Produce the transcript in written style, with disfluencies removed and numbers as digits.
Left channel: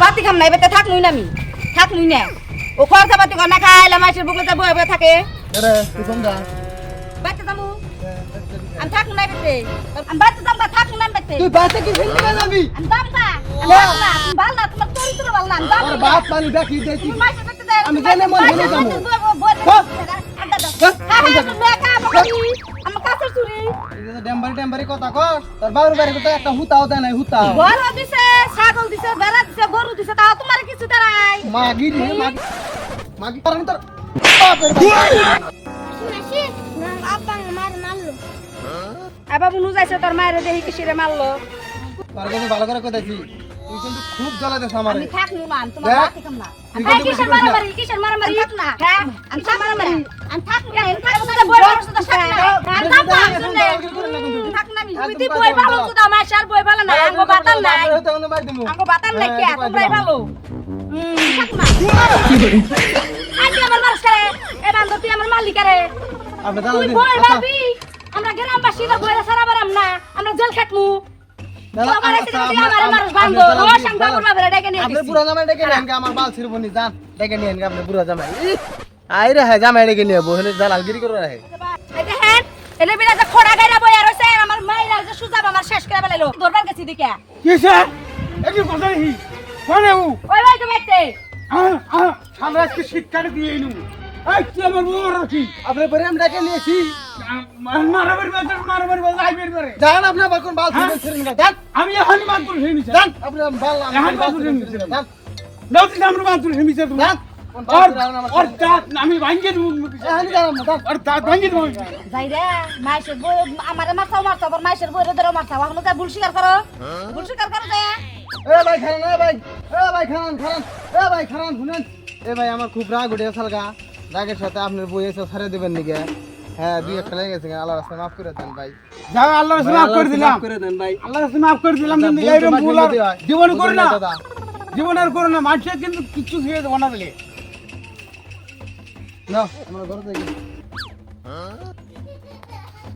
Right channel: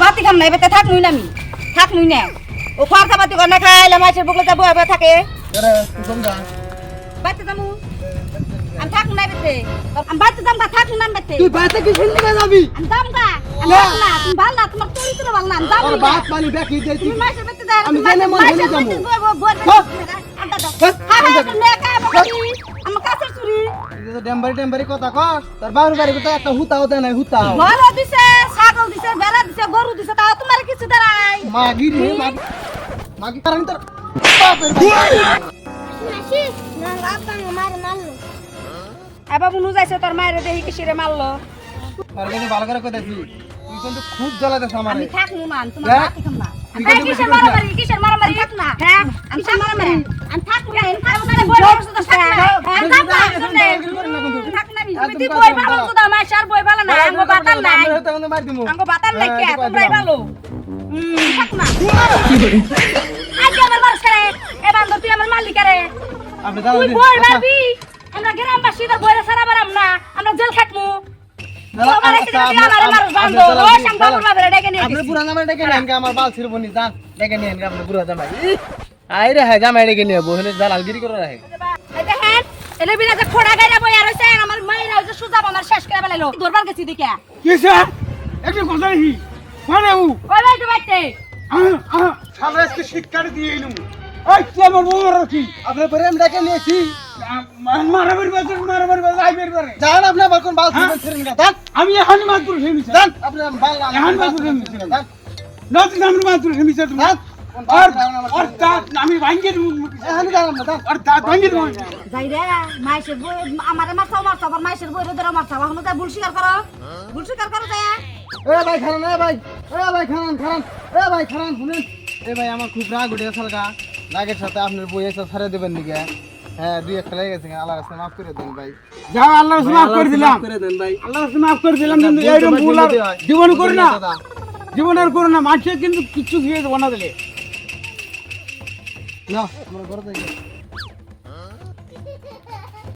বাতি খাম না এবার থাক নুই না আমি থাক নুই না ও খরচা পাতি করে না খাইলে মাছের বুকলে তো বয়ে থাকে আরে তুই কোন যা বাইতে যাবো আমি থাক না বেতে আমি বাইতে যাম না থাক না বেতে তুই বাতে কি ফেলতে যাবি আমি যাম না তুমি ভালো না তোমার চরিত্র ভালো না আমি যাম আর না বাত পানি দেখি দেছি তুমি মাছের বেতে দেয় আমি জানি মন ভুলে যাবো আমার কাছে চুরি ডেম্বারি কথা কস তোর বাড়ি বাড়ি তো একটা হুতাও দেয় নাই হুতা ভালো দিছে ছাগল দিছে বেড়া দিছে গরু দিছে তাও তোমার কিছু দাঁড়াই মাগি রে মাগি মাগি করানি তোর বাপের বাবু নু যাইছে তোর মায়ের দেহি কিসিরে মারলো পারবে ভালো করে কথা দিই তুই কিন্তু খুব জ্বালাইতেছ আমারে আমি থাকলু মান তোমার বাতি খাম না কিসের মারামারি থাক না হ্যাঁ আমি থাক মারামারি আমি থাক না আমি থাক না বই বসে তো থাক না থাক না তুই বই ভালো তো দাও মাশার বই ভালো না আঙ্গো বাতান নাই আঙ্গো বাতান নাই কি তোমরাই ভালো থাক না আজ আমার মারছ করে এ বান্দর তুই আমার মালিক রে তুই বই ভাবি আমরা গ্রামবাসী তো বইরা সারা বারাম না আমরা জেল খাটমু আপনি পুরা জামাই ডেকে নেন আমার বাল ছিড়ব নি জান ডেকে নেন আপনি পুরা জামাই আই রে হ্যাঁ জামাই ডেকে নিয়ে বহনে দালালগিরি করে রাখে দেখেন এলে বিনা যে খোড়া গায়রা বইয়া রইছে আমার মাইরা যে সুজা আমার শেষ করে বেলাইলো দরবার গেছি দিকে কি স্যার একটু কথা হি মানে ও ওই ভাই তো বাইতে আমরা আজকে শিক্ষা দিয়ে এলু এই তুই আমার বউ রাখি আপনি পরে আমি ডেকে নিয়েছি মারামারি আইবের পারে জান আপনি আবার কোন বাল ছিড়বেন না জান আমি এখন মাতুর হেমিছে জান আপনি বাল এখন মাতুর হেমিছে জান নতুন আমরা মাতুর হেমিছে তুমি জান আর দাঁত আমি ভাঙ্গে দিমু আমি জানাম না জান আর দাঁত ভাঙ্গে দিমু যাই রে মাইসের বই আমারে মারছাও আবার মাইসের বই ধরে মারছাও এখন তো বুলশিকার করো যায় এ ভাই খান এ ভাই খান শুনেন এ ভাই আমার খুব রাগ উঠে সালগা রাগের সাথে আপনার বই এসে ছাড়ে দেবেন নাকি হ্যাঁ দুই একটা লেগে গেছে আল্লাহ রাস্তায় মাফ করে দেন ভাই যাও আল্লাহ রাসূল মাফ করে দিলাম করে দেন ভাই আল্লাহ রাসূল মাফ করে দিলাম কিন্তু এইরকম ভুল আর জীবন করে না জীবন আর করে না মানুষের কিন্তু কিচ্ছু দিয়ে দেবো না দেখে না আমরা ঘরে যাই